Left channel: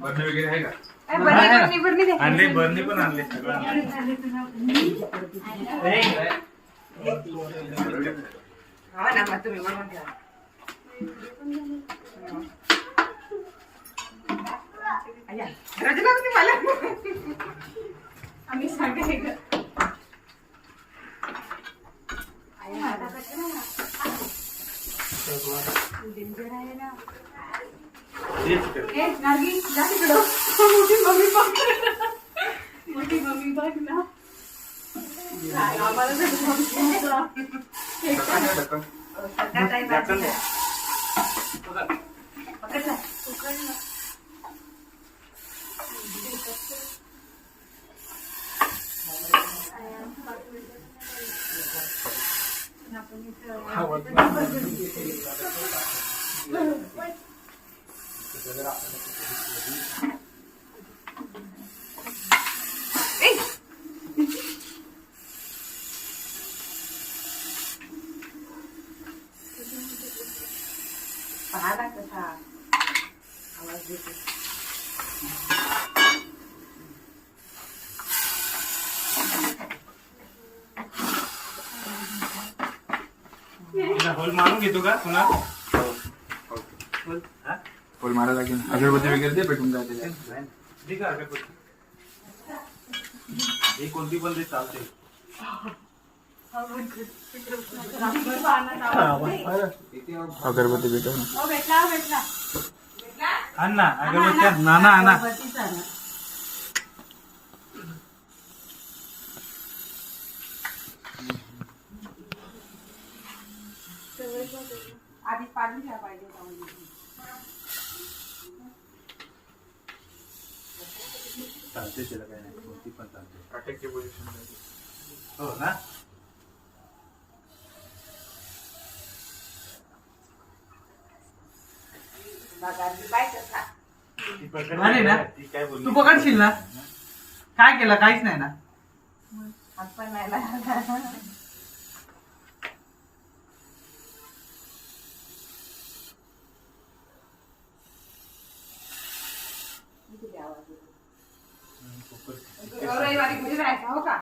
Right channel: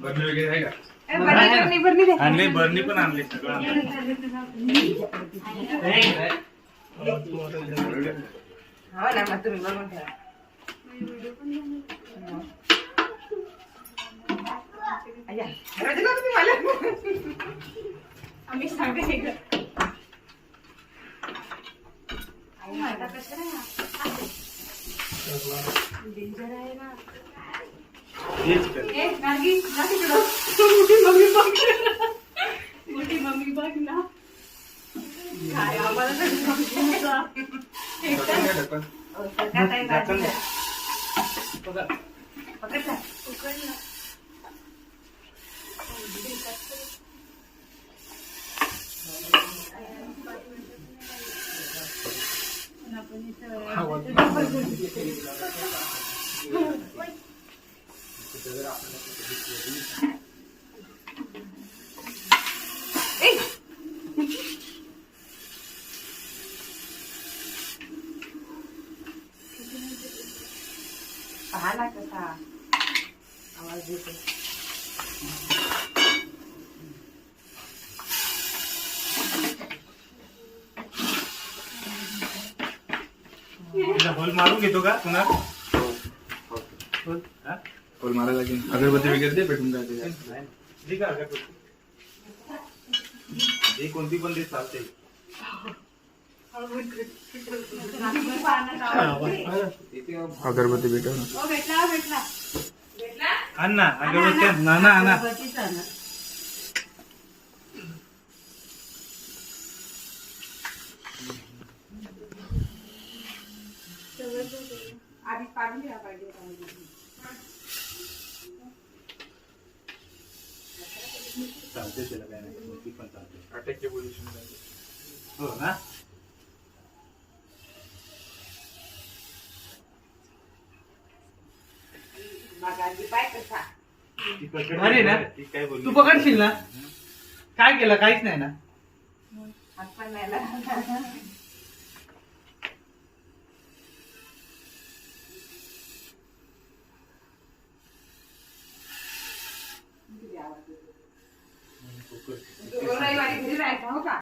भरणी वगैरे आहे का? आणले भरणी पण आणले सगळं आम्ही सांगते डेंजर आहे ना. मोठी मम्मी बघ ना. पाहा कसा आवाज देतो. होल मारून घेतो का पुन्हा? होल मारा लागेल. अगरबत्ती वगैरे दे पेटून जाते. ठीक आहे अगरबत्ती ही कोणती पण दे चालते. अगरबत्ती भेटव ना. भेटला आण ना अगरबत्ती ना ना ना. आधी पाडून घ्या पाहिजे. चालते त्याला काय नाही कोणती पण चालते. अटॅकची पोझिशन हो ना. अरे ना तू पकडशील ना. काय केलं? काहीच नाही ना. आपण नाही ना. रविवारी घरी जायचं हो का?